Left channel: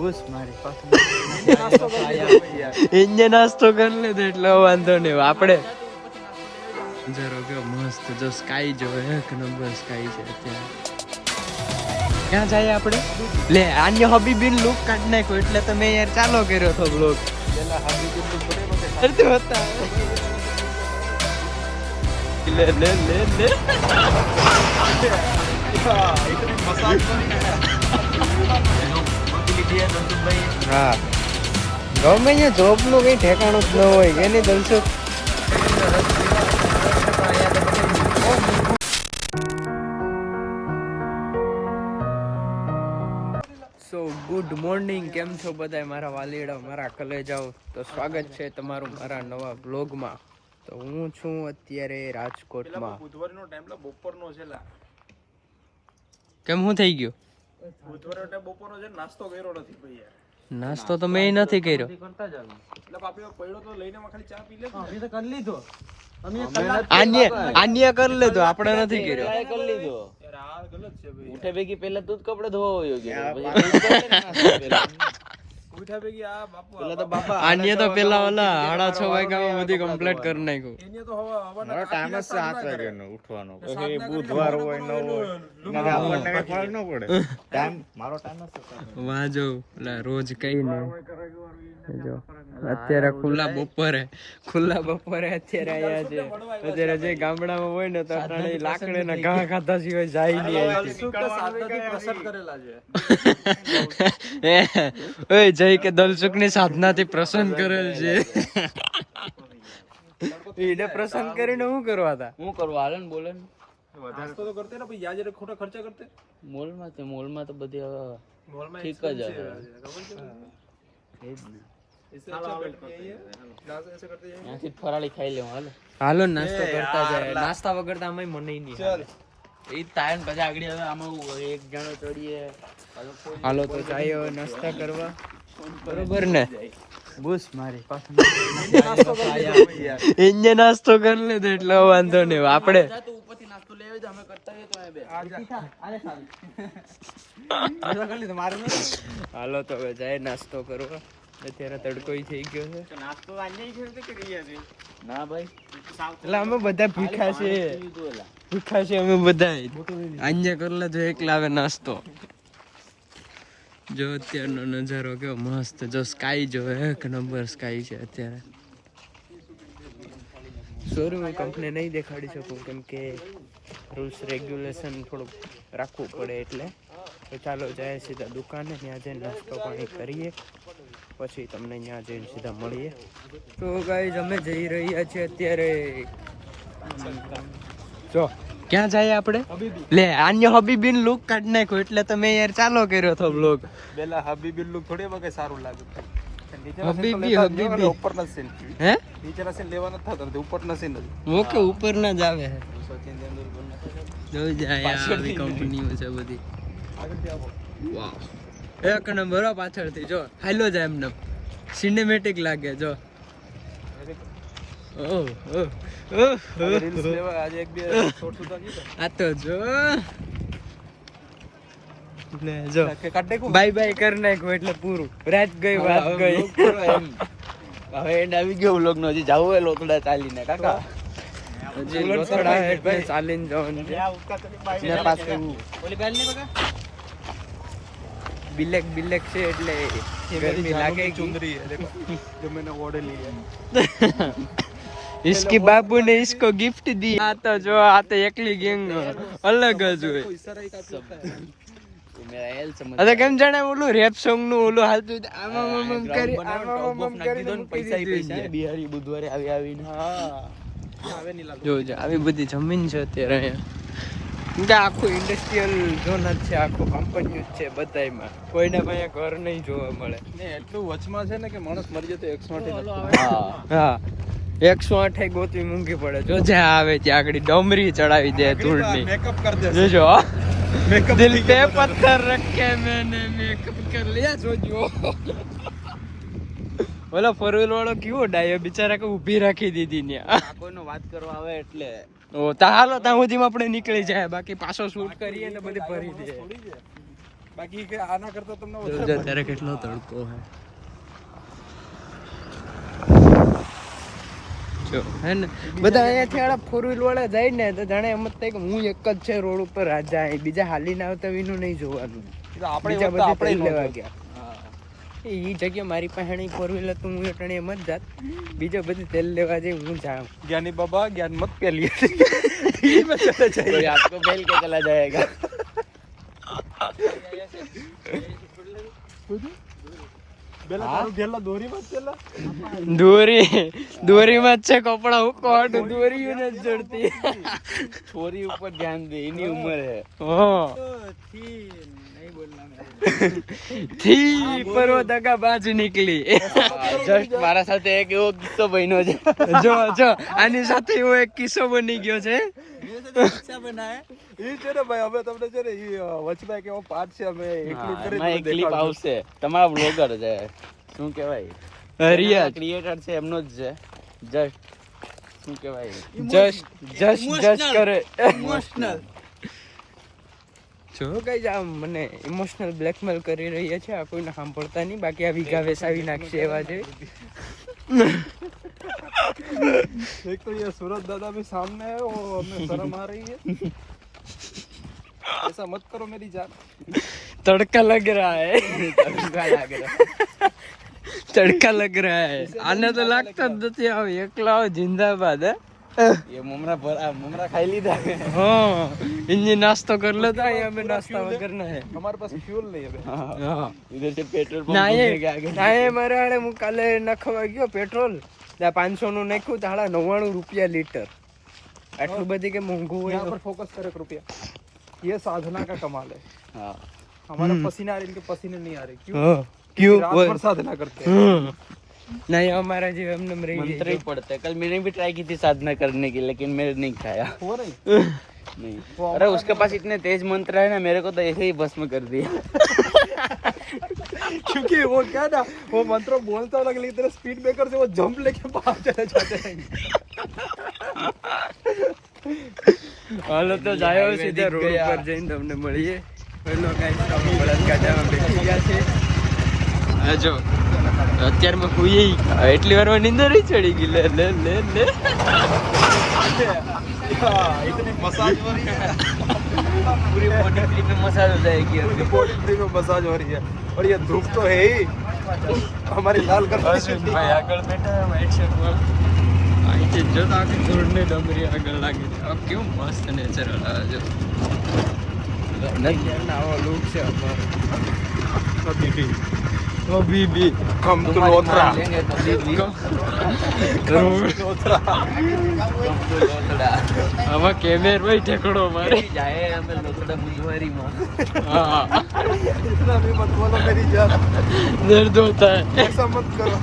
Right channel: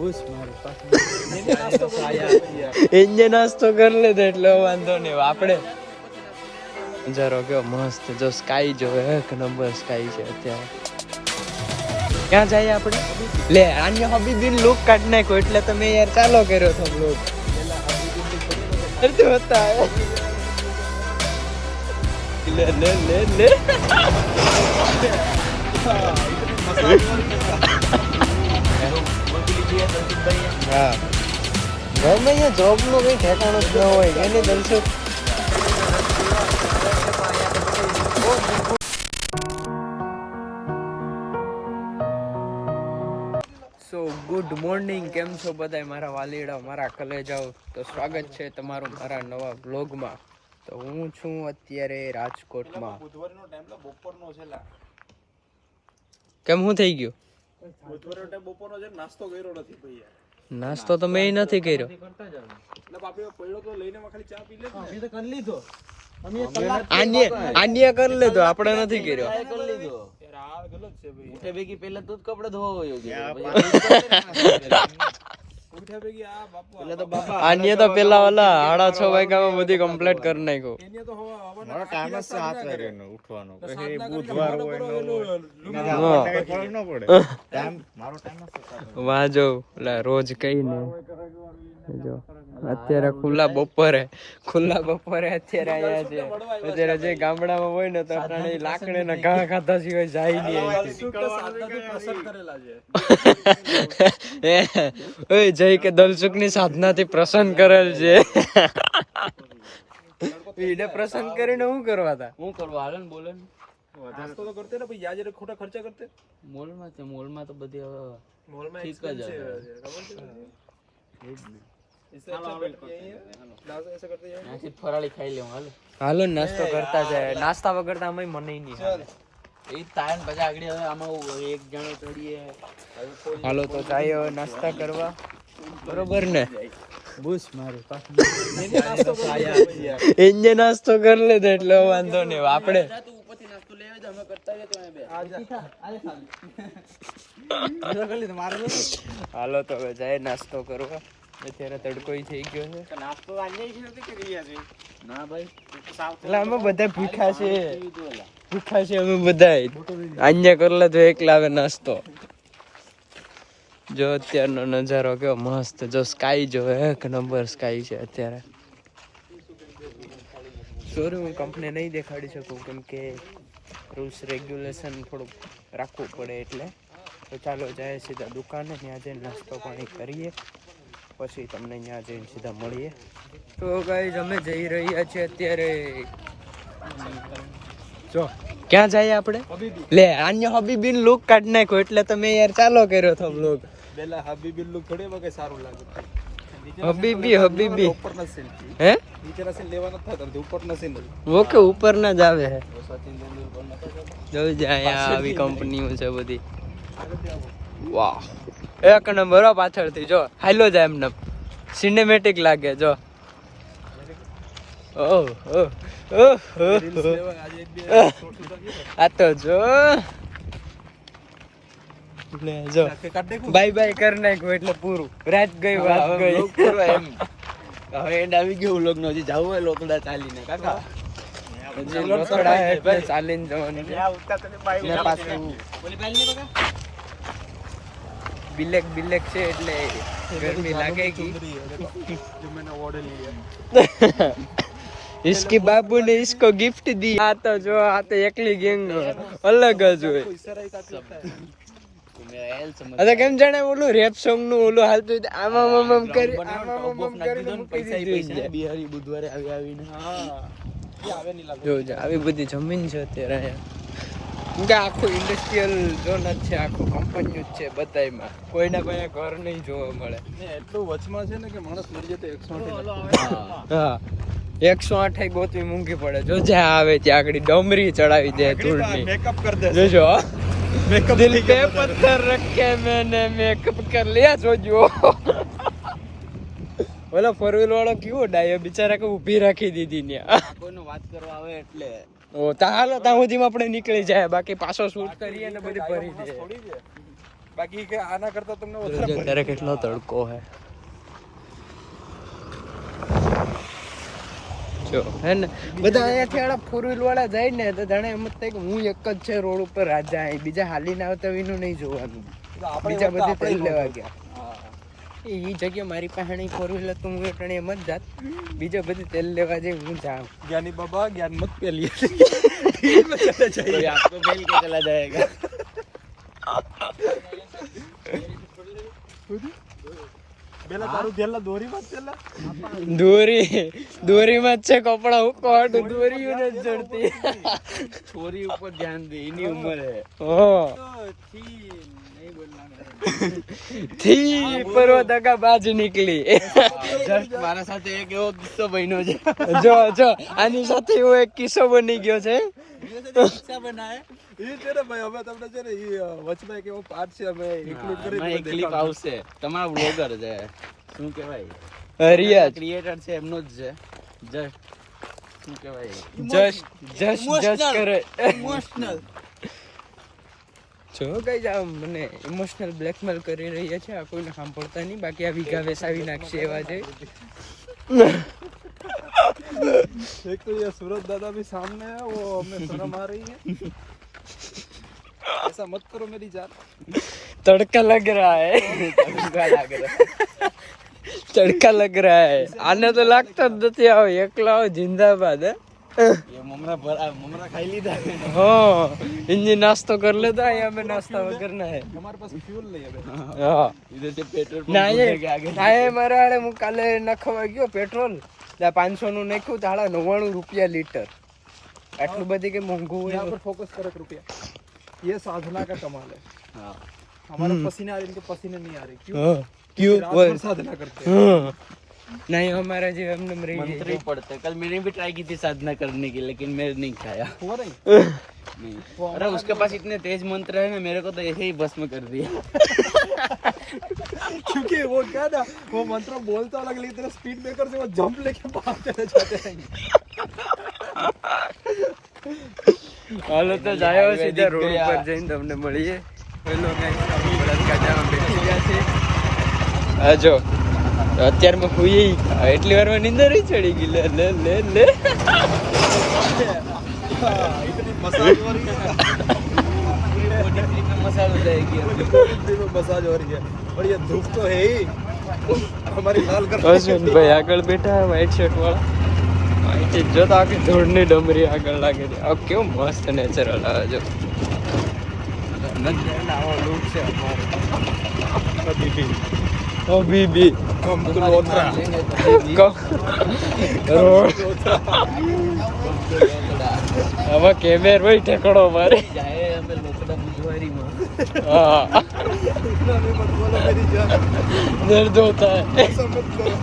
Bush મારી એને નાસ્તો કરી લીધો એટલે વાંધો નહીં. આપણે નજારો કેવો મસ્ત, જો સ્કાય જો એક નંબર સ્કાય છે અત્યારે. ક્યાં જાય આપણે? લે આન્ય હબીબીન લુક કાઢ નાખ્યો એટલે તમે યાર ચાલો કર્યો તો બ્લોગ. અરે હોતા લે લે લે લે હા ગમે એ જોબ નું કઈ ઠેકાણું જ ન હોય એની દલસુખ. સો ગુડ મોર્નિંગ, કેમ છો બધા મારા વાલીડા, મારા કલેજાઓ? તો સ્વાગત છે તમારું મારા નવા બ્લોગમાં. તો હું છું અત્યારે રાજકોટમાં. બુધવારનો ટાઈમ બપોરનો છે. કેમ હું થઈ ગયું? બુધવારનો ટાઈમ બપોરનો છે, નાસ્તો કર્યો નથી ભાઈ. નાસ્તો તો મેં નથી કર્યો. આન્ય કરી લીધો, આપણે નથી કર્યો. ઉઠે ભેગી પેલા દૂધ કપડો ધોવા હોય આન્ય તો પેલા ઓલા 6:30 વાગ્યામાં બધી કમ્પ્લીટ કરી નાખ્યું. મારો ટાઈમ જ 7 વાગ્યાનો ઉઠવાનો. પછી બુધવાર હોય ન હોય મને આપણને ફરક ન પડે. ટાઈમ મારો ટાઈમ જ વાજો ઓલા રોજ કઈ ને જો અત્યારે ખુલ્લા બપોરે અત્યારે આયા છે. અત્યારે જે ગામડામાં હોય ને તો અટાણે લાકડે ના ઘા ખાધા સિવાય જાય નહીં. ઓય જય કે દલસુખ ની સાધના થી પ્રસન્ન કરેલ છે. એને પ્રસન્ન કરીને શું કરવા હતા? હું કરવા હાલે ને બોલે ને નાસ્તો તો કરતે ને ભાઈ, યાર જરા ખોટા ખર્ચા કરતે. મોલમાં તો બધી ઠીક જ ફરાળી ખાઈ લેવું. હાલો નાસ્તો કરતા જાય, નાસ્તા વગર તો આમાં મને નહીં હાલે. એ ટાઈમ પછી આગળ હવે આમાં એક જણે તોડીએ. હાલો તો જાય નાસ્તા કરવા, બરોબર ને? બુશ મારી એને નાસ્તો કરી લીધો એટલે વાંધો નહીં. આપણે હાલો તો હવે જાય નાસ્તો કરવા. અત્યારે તડકો થઈ ગયો છે. ના ભાઈ એટલે અમે બધા ભૂખ્યા છે અમે બધા. આન્ય કરલે તો એકલા આવે નાસ્તો. જો અત્યારનો નજારો કેવો મસ્ત, જો સ્કાય જો એક નંબર સ્કાય છે અત્યારે. સોરી હું કંપની નહીં દેખાડી શકું કેમ કે રૂલ્સ રેગ્યુલેશન થોડુંક રાખવું પડે એટલે. તો ચાલો જાય સીધા દુકાને, ત્યાં જઈને નાસ્તો પાણી કરીએ, પછી તમને ત્યાં જઈને સીધા મળીએ. તો ગાઈઝ અમે જઈ રહ્યા છીએ અત્યારે. જો ક્યાં જાય આપણે? લે આન્ય હબીબીન લુક કાઢ નાખ્યો એટલે તમે યાર ચાલો કર્યો તો બ્લોગ. પેલા હબીબી લુક થોડી વખત સારું લાગે. હબીબી ઉપરના સીન હે નીચેના સીન લેવાનો થતો ઉપરના સીન ઓકે ઉપરના જ આવે છે. જોઈ જાય આવી કંપનીઓ છે બધી. વાહ એક નંબર પાછળથી જો હાલો જાય એમને સિનેમેટિક લાગે. જો આ તો જો બાય બાય કરી નાખ્યું એટલે પૂરું. રાત ગઈ વાત ગઈ. હવે એન્ડ આવી ગયો વ્લોગ નો. હજી જવું હોય લોથડા ચાલીને કાકા, હજી લોથડા એટલે ચાલીને જવાનું છે. પાછું બિલેક છે એટલે ગરમી લાગે. इसके बाबू ने इसको गिफ्ट दी. આ તો જો આ તો એકલી ગેંગ અલગ જ હોય. અરે કેમ જાણે ઓલું રેપ સોંગ નું ઓલું હાલતું આમાં કરી મૂકી દીધું. બિહારી બુધવારે આવીને જો આવી બધી જમીન છે અત્યારે. કેમ કે આખું ઇન્ડસ્ટ્રીયલ ઝોન જ છે, આખું કંપની જ છે બધાયમાં. કોઈના પાસે ઘર નહીં જોવા મળે. એટલું વચમાં છે ને કે માણસ મરી જતો 108. હા 108 ગોતવી મૂંઘી પડે. જો જ્યાં આવે ત્યાં આગળ ડમરી ચડાવી દે ધૂળની. જોજો દિલ पे पत्थर रखे मैंने मेकअप कर लिया. જોજો ઓલો ફોર વ્હીલ વાળો કેવો ડાયો બિચારા કે ઊભી રાખી દીધી ને કોઈનો વાત કરવા આવે એટલે. ઓ તા હાલો ત્યાં સુધીમાં આપણે નીકળી જાય, બાકી પાછો શૂટ કરીએ ને બધી ભરી દે. બાકી કે આના કરતા તમને જો અત્યારે કેટલો તડકો હે જો હે ને બધા અહીંયાથી આડા 4 વ્હીલ વાળા જાય ને તો જાણે એમ જ થાય કે હું એક જ છે રોડ ઉપર રાજા અહીં બીજા હાલીને આવતા વિનું નહીં જોવાનું બીજા બધે તેલ લેવા ગયા એ જગ્યા મારી પાસે 4 વ્હીલર તો હું એટણે એમ જ જાત બીજા બધી તેલ લેવા જઈ હું જાઉં જ્ઞાની બાબા જ્ઞાન મત પેલીએ कोई आपको फेल के चला जाएगा પેલા તારું જેલા દોરી માં છેલા દોરીમાં જ છે કપડા હું કોટ દોરી ને જડતી छोरी ऊपर ध्यान दे इन्हीं उम्र है હા થી પરવો દગા બાજી નીકળી जस्ट મારા સાથે એક એવો કિસ્સો બન્યો છે જો આની સાથે એવો એક કિસ્સો બની ગયો છે એ છે ને ભાઈ હવે તમને છે ને વચમાં કેવો પાઠ છે અમે ઇન્ક્લુડ કરી એક ક્લિપ આવશે તમારા બ્લોગર છે શું કહેવાય રિયાજ ક્રિએટર છે એમનો જ છે જસ્ટ શું કહેવાય જસ્ટ કરે ઇમોશનલ જો કઈ જાવ મને ઇમોશનલ બ્લેકમેલ કરી રહ્યા છે આ કોઈને સાંભળતા નહીં બાકી આ વીઘા વેસાવી નાખશે એવા છે एक तो ये सूरज दादा भी सामने है वो हमें शर्म आ रही है ऐसा मत करो मेरी जान तड़का लग रहा है तड़का लग रहा है आने तो लगता જ નથી આવો એકલા આવો જિંદાબાદ હે ये ममरा खाई લીધા हाँ इंजन नाश्ता कर लेता है हमें नाश्ता करना है हमारे पास फ्यूल नहीं है हाँ इधर से पेट्रोल पंप ના ढूंढने के आगे એ મારે આડે હું કાલે નાખવા ગયો પેટ્રોલ 500 નું નાખ્યું તો 99 રૂપિયા લીટર આટલું બધી કે મોંઘું હોય यहाँ पर फोकस करे रुपया ये साधना का कमाल है हाँ हमारे पसीने आ रहे इनके पसीने नहीं आ रहे क्यों हाँ क्यों रात भर साधना करते हैं हाँ नहीं हमारा जी हमने मरी मंत्र ही पढ़ते हैं। कल मैंने भी ट्राई की थी साधना करने की लेकिन मैंने नहीं खाया हो नहीं नहीं अरे उसके पास इतने तेज मंत्र है ना मेरे को तो ऐसे ही भस्म कर दिया क्योंकि वो क्या ना वो मंत्र बोलता अलग लेकिन तेरा स्पीड ब्रेकर से वो जंप लेके बाहर चले जाते हैं હાલો તો જાયો સીધા રોડ ઉપર જઈને તમને મળીએ હેલો ગાઈસ આપણે બળદગાડામાં બેસી ગયા છે હા જો અત્યારમાં હુઈ એટલી વારમાં નીંદર જ ચડી ગઈ લે લે લે લે मसाज हो रही है पूरी बॉडी फ्री में मसाज हो जाएगी पूरी बॉडी फ्री में मसाज हो रही है और ये धूप तो है ही हमारी लाल कर ભાઈ આગળ બેઠા વ્હાઈટ શર્ટ વાળા આઈ છે જો તો આખી ધૂળની ડમરી આગળ લાગે છે આ કેવું મસ્ત નેચરલ આવે જો આવો લુક છે અમારો અભી ભી हम तो लोथरा રોડ આમાં કેમેર ભાઈ ઠેકડો મારે जाए हमें लोकड़ा बुधवारी में हाँ इतना भी मत बोलो मेरी जान दर्द होता है ऐसा मत करो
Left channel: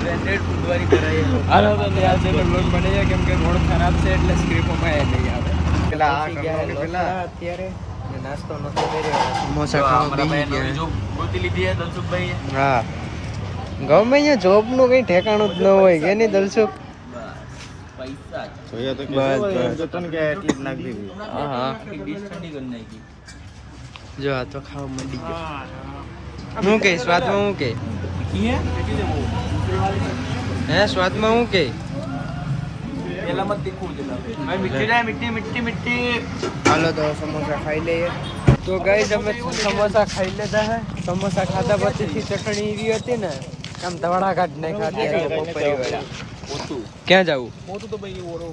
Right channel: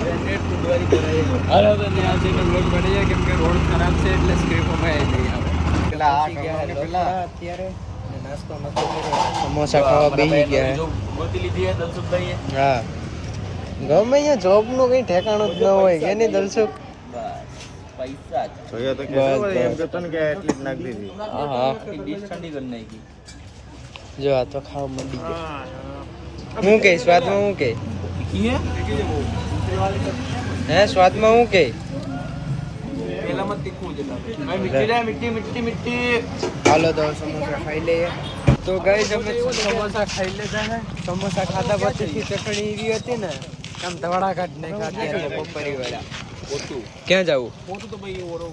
ब्रांडेड बुधवारी कराए હાલો તો ત્યાં જઈને બ્લોગ બની જાય કેમ કે રોડ ખરાબ છે એટલે સ્ક્રીપોમાં એ નહીં આવે પેલા આ કરવાનું પેલા અત્યારે નાસ્તો નતો કર્યો સમોસા ખાવા બેસી ગયા ગોતી લીધી है દલસુખભાઈ હા ગમે અહીંયા જોબ નું કઈ ઠેકાણું જ ન હોય કે નહીં દલસુખ પૈસા જોઈએ તો બસ, કે બસ. તો કે એટલી જ નાખી દીધી હા હા ડીશ ઠંડી કરી નાખી જો આ તો ખાવા મંડી ગયો હું કે સ્વાદમાં હું કે હે સ્વાદમાં હું કે પેલા મત તીખું દેલા મીઠી મીઠી મીઠી હાલો તો સમોસા ખાઈ લઈએ તો ગાઈસ અમે સમોસા ખાઈ લીધા હે સમોસા ખાધા પછીથી ચટણી એવી હતી ને આમ ધવાડા કાઢ નાખ્યા અત્યારે તો બપોરી વાળા ક્યાં જવું મોટું તો ભાઈ ઓરો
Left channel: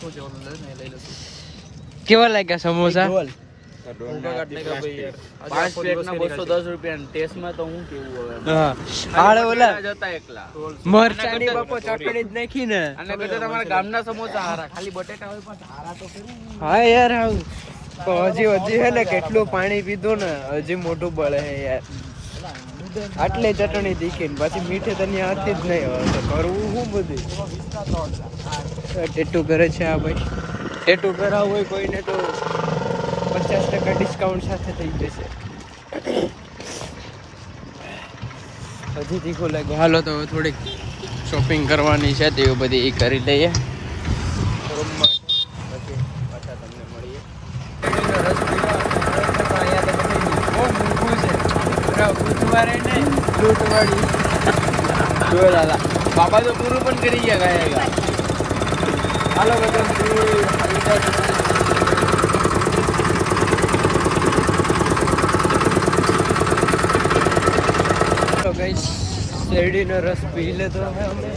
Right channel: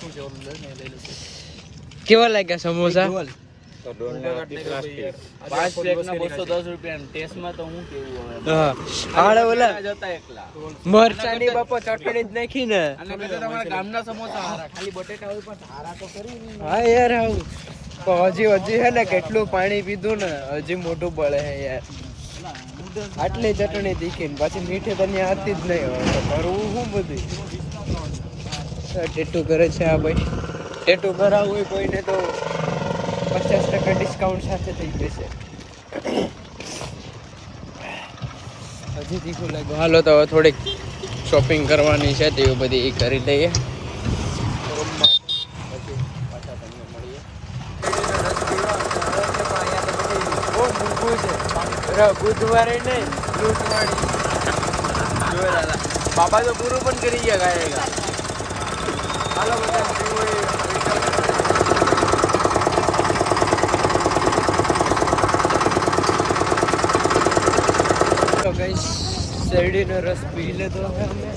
શું છે ઓલો લઈને લઈ લો કેવા લાગ્યા સમોસા પાંચ પ્લેટના 210 રૂપિયા ટેસ્ટમાં તો હું કેવું હવે હા આડે ઓલા જતા એકલા મરચાની બાપો ચટણી જ નાખી ને અને કદાચ તમારા ગામના સમોસા હારા ખાલી બટેટા હોય પણ હારા તો કરું હા યાર આવું પણ હજી હે ને કેટલું પાણી પીધું ને હજી મોઢું બળે હે યાર આટલી ચટણી તીખી ને પાછી મીઠી તો ત્યાં હતી જ નહીં હોય તો કરવું શું બધું ટેટુ કરે છે આ ભાઈ ટેટુ કરાવવું હોય કોઈને તો 50% ડિસ્કાઉન્ટ સાથે થઈ જશે હજી તીખું લાગે હાલો તો હવે થોડીક શોપિંગ કરવાની છે તે બધી એ કરી લઈએ રૂમ માટે પછી પાછા તમને મળીએ રસ પીવા અહીંયા તો બધી બહુ મોંઘું લૂંટવાળી જો દાદા બાબા તો પૂરું પણ કરી ગયા ગાયેગા હાલો બધા તો ગાઈસ શેરડીનો રસ પી લીધો છે અમે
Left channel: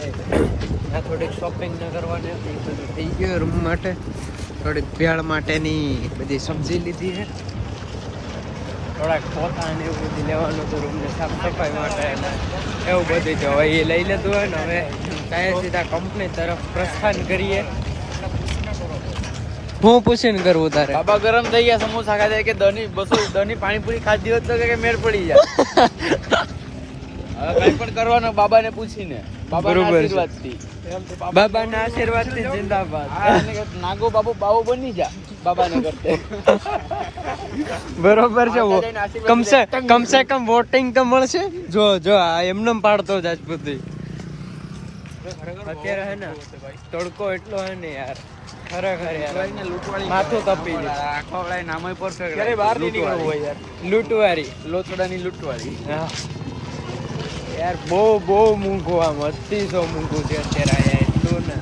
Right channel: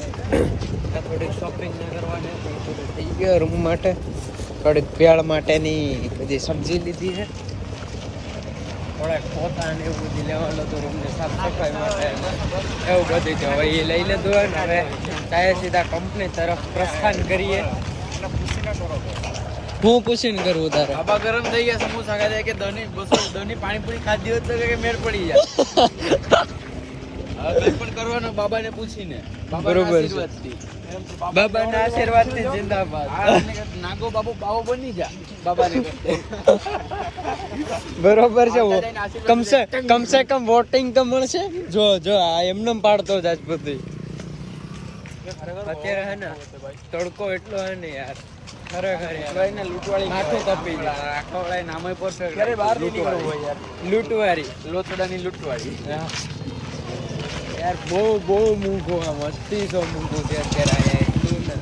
આ થોડીક શોપિંગ કરવાની હતી બધું થઈ ગયું રૂમ માટે થોડીક ભેળ માટેની બધી સબ્જી લીધી છે થોડાક પોતા ને એવું બધું લેવાનું હતું રૂમને સાફ સફાઈ માટે એવું બધું છે હવે એ લઈ લીધું હોય ને હવે કાંઈ સીધા કંપની તરફ પ્રસ્થાન કરીએ હું પૂછીને કરવું તારે બાબા ગરમ થઈ ગયા સમોસા ખાધા કે દની પાણીપુરી ખાધી હોત તો કે મેળ પડી જાય હવે કઈ પણ કરવાનું બાબાને પૂછીને બરોબર છે બાબાના આશીર્વાદથી જિંદાબાદ નાગો બાબો બની જા બાબાને કરતે બરોબર છે કમસે કમ વોટિંગ તો મળશે જો આ એમને પાડતો જ આજપતિ અત્યારે હે ને તડકો એટલો હે ને યાર ખરેખર યાર માથું તપી જાય આખો વળાય નામ પરફેક્ટ ક્યારે બહાર નીકળવું હોય યાર લૂંટવારી લોથડાની લૂંટવાળી હા યાર બહુ મૂંઘું આમ 800 મૂંઘું છે અત્યારે આયા એટલું ને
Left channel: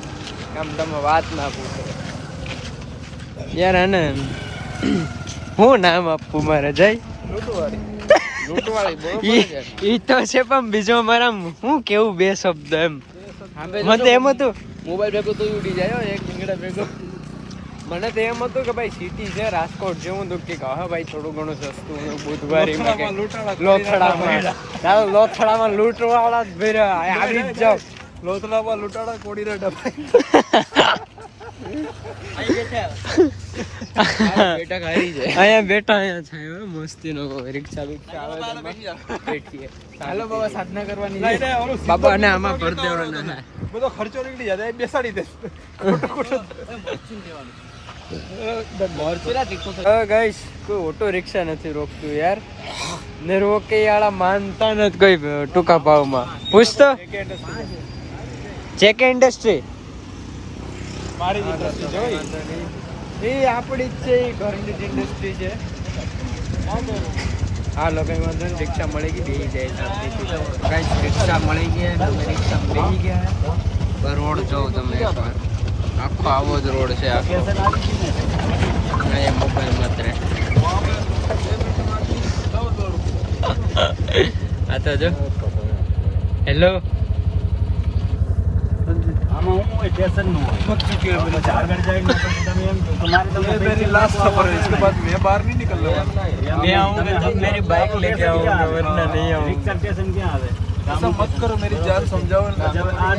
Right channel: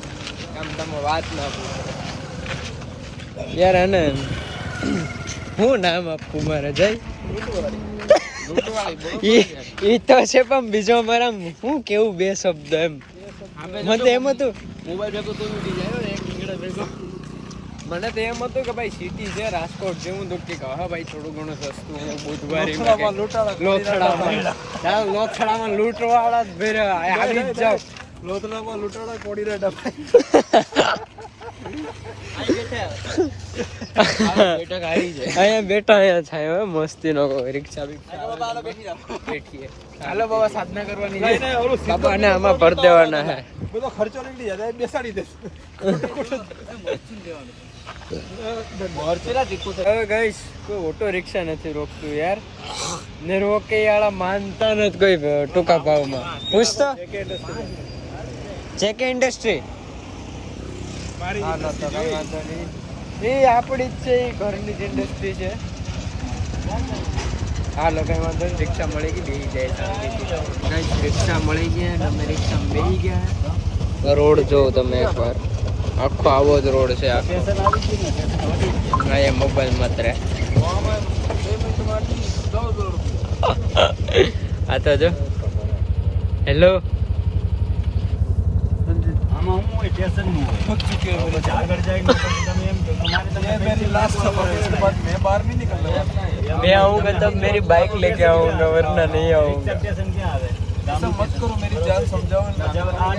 આમ તમે વાત ના પૂછો યાર હે ને હું નામ આપું મારે જય લૂંટવાળી ઈ તો છે પણ બીજો મારા હું કેવું બે શબ્દ એમ મને તો એમ હતું મોબાઈલ ભેગો તો ઉડી જાય હો, એક રીંગણા ભેગો મને તો એમ હતું કે ભાઈ સિટી છે રાજકોટ જેવું તો કે હા ભાઈ થોડું ઘણું સસ્તું બુધવારીમાં કે લોથડામાં લૂંટવાળા જ ભેરા આવી જ જાવ લોથડામાં લૂંટાડા કોડી રે ડબાઈ અહીંયા બેઠા થાય હવે મસ્તી નો કોઈ રિક્ષા બિક્ષા બેઠીએ હાલો બાબા સાધના કરવાની બાબા ને આમાં ભર દેવાના હે બધો ખર્ચો નીકળી જાય એ બેસાડી દે ગાઈસ કોઈ ઓટો રિક્ષા નથી રોકતું યાર ને રોકે વાળા માનતા નથી કોઈ ટૂંકા ભાવમાં પૂછતો જેકે ઇન્ડસ્ટ્રી હાલો તો કઈ વાંધો નહીં એ આપણી જ છે એ ઘરની જ ઇન્ડસ્ટ્રી છે હાલો કઈ વાંધો નહીં રિક્ષા મળી ગઈ બેસી જાય શાંતિથી રિક્ષા મળી ગયા અને અમે રિક્ષા બેસી ગયા રોડ જોવો તમે એકવાર આખો આવો જ રોડ છે આખો અહીંયા મોબાઈલ માત્ર આ તો જો હેલો मैं आऊंगा तब मेरी बाइक लेके आऊंगा वरना नहीं आऊंगा ऐसा मत करो मेरी जान समझाओ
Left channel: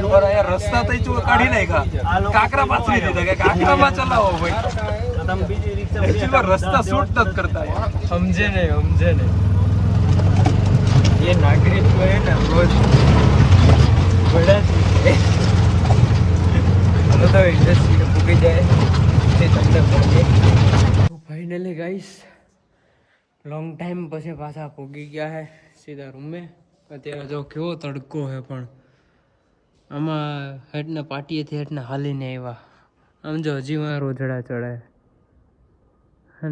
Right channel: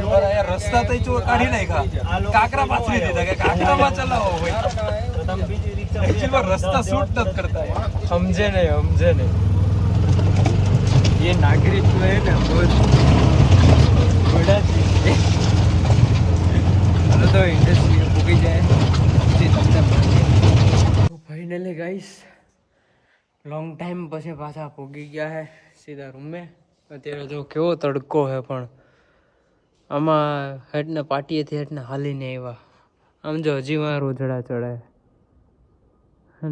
और यार रास्ता तो जो काढ़ी नहीं का काकरा पास नहीं देता क्या काकरा में चला हो भाई एक्चुअली रास्ता सूट तक करता है समझे नहीं ये नागरिक जो है ना बहुत बड़ा चीज है तो इंडस्ट्री पूरी जाए તે તમને મળીએ ફાઇનલી ગાઈસ લોંગ ટાઈમ પછી પાછા પૂગી ગયા હે સીધા રૂમે અત્યારે જો કેવો તડકો હે પણ આમાં હેડને પાટીએથી હેડને હાલીને આવ્યા આમ જો હજી માં રોજડા ચડાય હે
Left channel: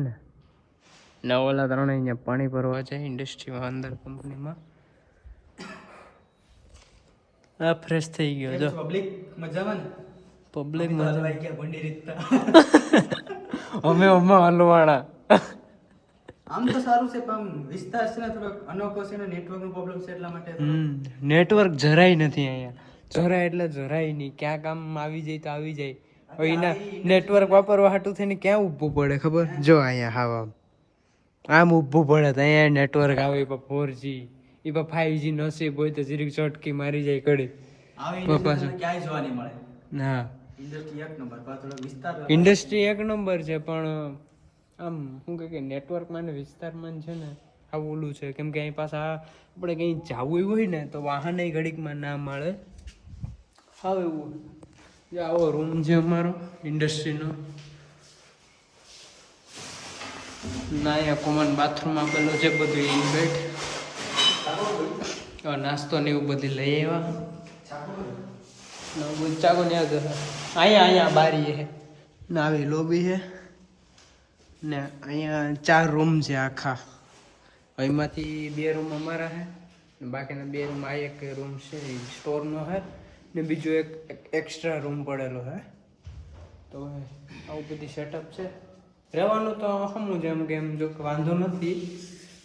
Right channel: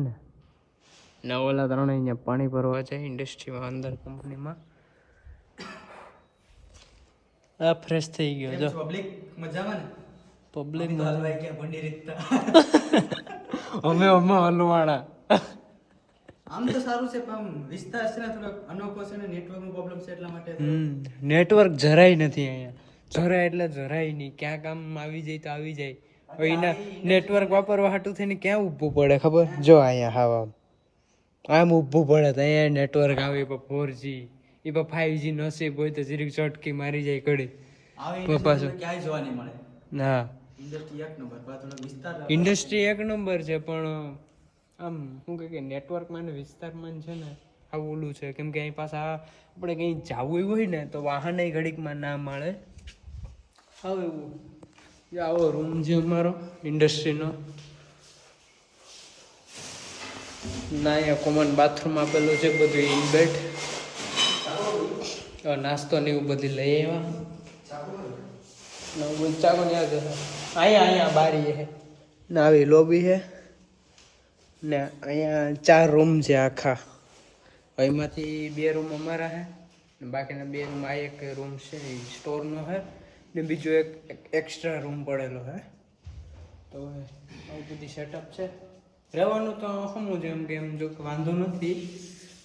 ને ઓલા ત્રણે અહીંયા પાણી ભરવા જાય ઇન્ડસ્ટ્રીમાં અંદર કંપનીમાં આ ફ્રેશ થઈ ગયો જો પબ્લિક મજામાં ને પબ્લિક અમે હલવાણા આમ તો સારું છે પણ વિસ્તાર છે ને થોડોક અનોખો છે ને નેટવર્ક નો પ્રોબ્લેમ છે એટલા માટે નેટવર્ક જરાય નથી અહીંયા જરાય એટલે જરાય નહીં ક્યાં કામ આવી જાય તો આવી જાય હવે એના નેટવર્ક વાપરવા હાટું થઈને ક્યાં ઊભું પડે ખબર જો અહીંયા હા આમ ઊભું પડે તો અહીંયા નેટવર્ક આવે એ 4G એ 5G નસીબ હોય તો જરીક ચટકી મારી જાય કડી પાછું ક્યાંય જોવા નહીં મળે હા ઇન્ડસ્ટ્રી એક નંબર છે પણ આમ શું કે નેટવર્કમાં ને વિસ્તારમાં છે ને આવું ઓલું છે કેમ કે અહીં પાછા આપણે કંઈ જવું હોય ને તો વાહન ઘડીકમાં ના મળે હા એવું આવો રૂમ છે અમારો ઇન્ડસ્ટ્રીનો ના અહીંયા કોમન બાથરૂમ આપેલું છે બધું ઇનબેટ નાસ્તો ને એવું બધી લઈ આવ્યા ચાકો ને અહીંયા બારી છે ને આવી લોબી છે ને અહીંયા 4 રૂમ છે આખા એમાંથી 2 રૂમ અમારા છે બાકીના 2 રૂમ આ એક રૂમ છે સ્ટોરનો છે ને બીજો એક એક્સ્ટ્રા રૂમ પડેલો છે. તો આવું બધી સેટઅપ છે. રહેવાનું તો સમું જેમ કે એમ જો કે વાંધો નથી.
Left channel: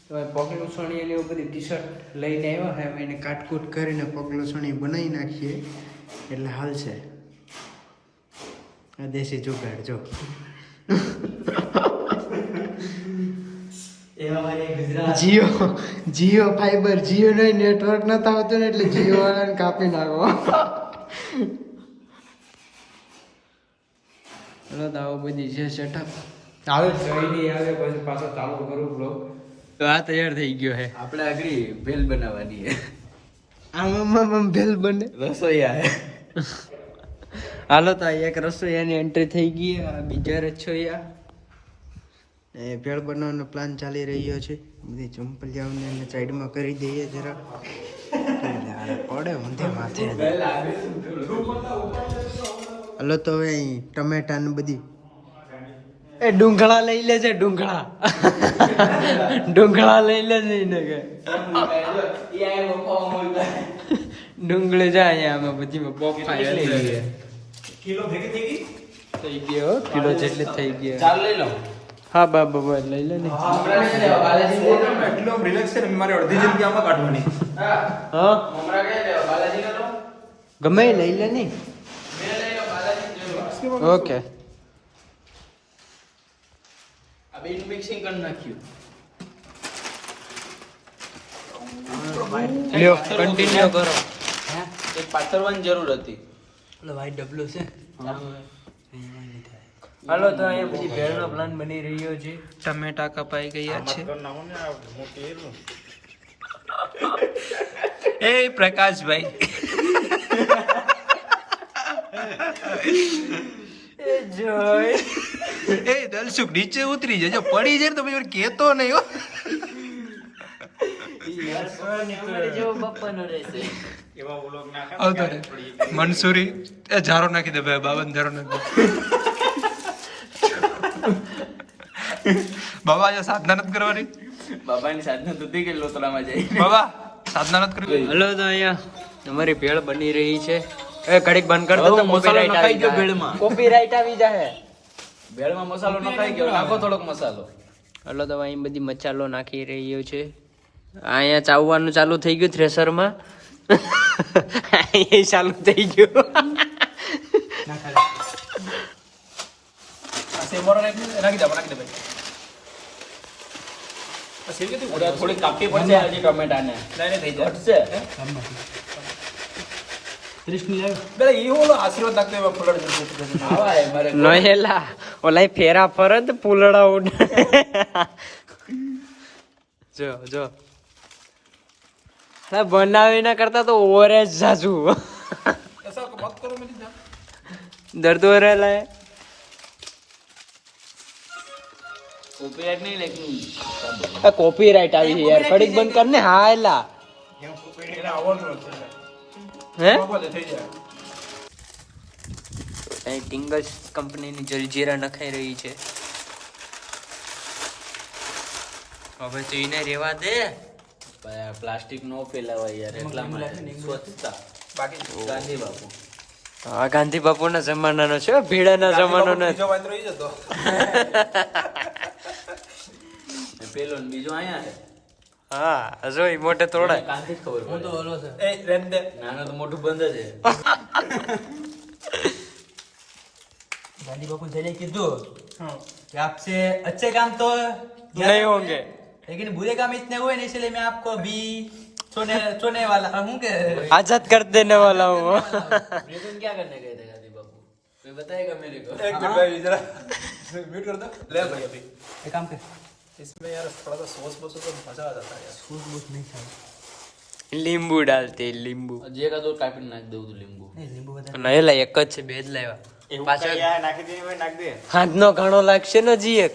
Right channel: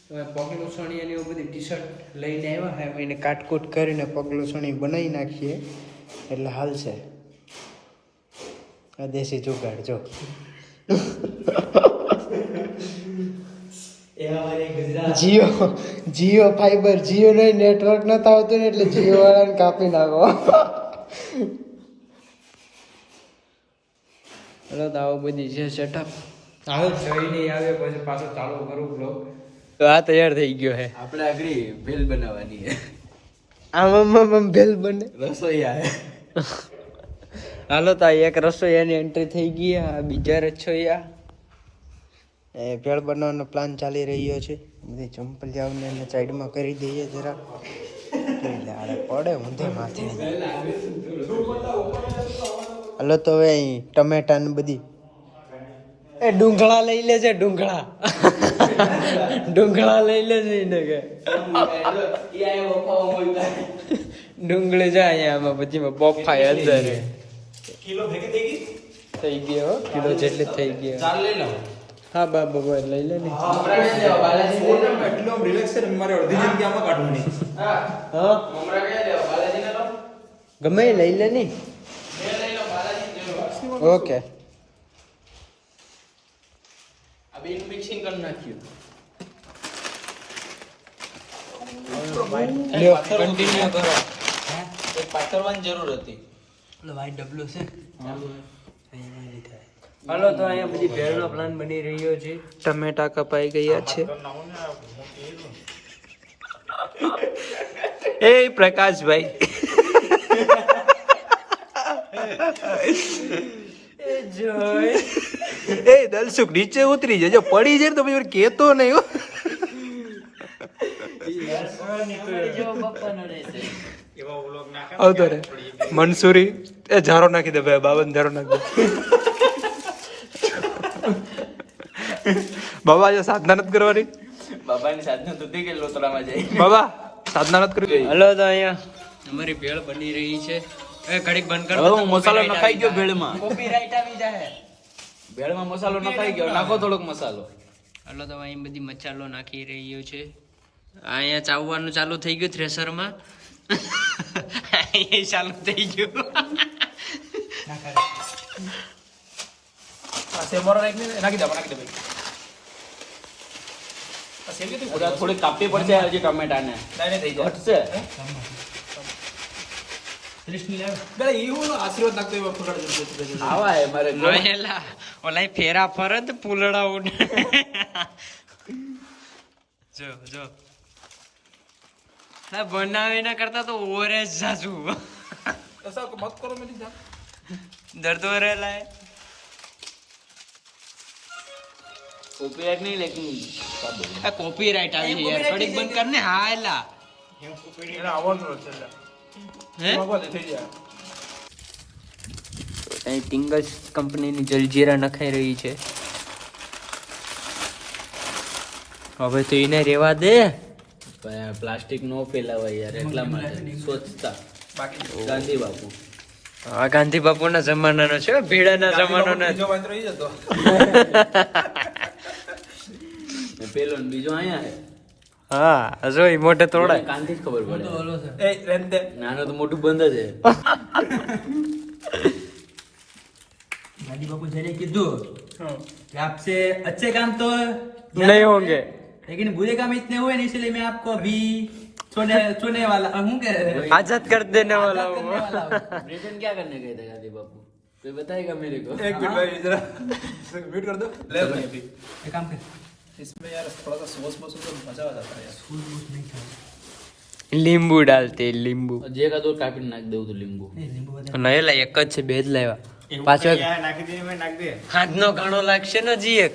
તો પગલું સણી એની બધી ટી શર્ટ લઈને આવ્યા છે, એને કાટકૂટ કરીને પગલું સણી બનાવી નાખીએ એટલે હાલશે. આ દેશી જુગાડ જો. જીઓ ફાઈબર, જીઓ નો નેટવર્ક નતા આવતું ને એટલે જીઓ વાળાને કાપી નાખો. ચલો તો આવું બધી છે સેટઅપ. આવે જોઈ નહીં આવે પછી પાછો ચાલુ કરું બ્લોગ. તો આ તૈયાર થઈ ગયો છે. આપણે આગળ ભેલ બનાવવાની છે. આમ ભેલ બને રસોઈયા છે. હાલો તો એક રસોઈયાની એન્ટ્રી થઈ ગઈ. આ બીજા રસોઈયા ભેળ બનાવવાનો પ્લાન ચાલી રહ્યો છે. બધી ચંપલિયાઓને એને સાઈડમાં કરી દઈએ જરા. પડે ઊંધે માથે. હાલો તો હવે અહીં ટમેટા ને બધી એ ડુંગળા લઈ લેજે. ડુંગળા લઈ લેજે એને કે ડુંગળી જાય અહીંયા આમાં બધીમાં બફાય અંદર થઈ ગયો. કિલો જેટલી થઈ ગયો. હા બાબા લઈ લે ને. ગમે લઈ લે ને. ઓકે મિક્સિંગ કરી નાખ્યું. લ્યો કન્ટિન્યુ કરો. એ પાથરવાની જરૂર હતી. વાઈટ ડબલો છે. હાલો તો અહીંયા બધી ભેળનો પ્લાન બની રહ્યો છે. ટમેટા કપાઈ ગયા છે. એ પ્રકાશભાઈ એ દલસુખ નીચે ઉતરી જજો. પડી જાય તો પછી કેતો નહીં. આવતો રે મનસુરી એ ઝારો નાખી દે ભાઈ. બાબા ઝારો નાખી દે. બાબા જો સાધના નથી કરવાની. બાબાની સાધના તો કે લોતરામાં જાય. બાબા સાધના નથી કરવી. હલો તો અહીંયા અમારી ભેળ બની રહી છે. એ ઘડીક બંધ કર દે તો કોપીરાઈટ આવી જાય. કોપીરાઈટ આવી જાય. ભેળમાં મસાલો નખાઈ ગયો. નાખો થોડોક મસાલો. હલો તો અહીં બધી મસાલો નાખી રહ્યો છે. અહીંયા ચાવવાનું ચાલુ થઈ ગયું થ્રેસરમાં. એ ચાલુ થઈ ગયું. થોડી કાપી પડશે હજી ટમેટાને. થઈ જાય. નહેલા ઓલા ફેરા ફરત પુલડા ઉડ. જો જો બનાવી ના કરતા તો ઓરેજ જાજુ દર્દ हो रहा है. કોપીરાઈટ આવી છે યાર. કડીક બંધ કર ને. હા એલા હે અહીં ટિંગસ કંપનીની જલજીરા નખાઈ રહી છે. હવે તો એને રેવા દે. પ્લાસ્ટિક નો ફેલાવાય યાર એટલા માટે સ્વચ્છતા. ગાંધી બાપુ. હા ગાંધી બાપુ ના જમાનાનો છે. ભીડાના જમાનાનો. પેલો ને બીજો અહીંયા છે. હા જો ઈ મોટે તોડાય. ગાંધી ખબર પડે. નાનો તો મોટું બંધ છે. गांधी बापू ने कीधु कि आपसे अच्छे काम तो नहीं होंगे लेकिन बुरे काम इतने हुए नहीं, इसलिए मैं आपको अभी छोड़ने वाला हूँ के आजाद कर देने वाला हूँ. ब्रिटेन क्या करने गए थे गांधी बापू? कोई बताएगा मेरे को? एक मिनट भाई जरा म्यूट कर दो. ले भाई अभी ये काम कर इसमें यार थोड़ा सा सॉस बस तो मजा आ जाता है यार. લીંબુ ડાલતે લીંબુ. જે કા દો કાપીને નાખ દઉં તો લીંબુ. नींबू નહેલા એક જ છે. બે જ લાવ્યા. પાછો હાથનો ઘાણો લાગશે ને જી. એક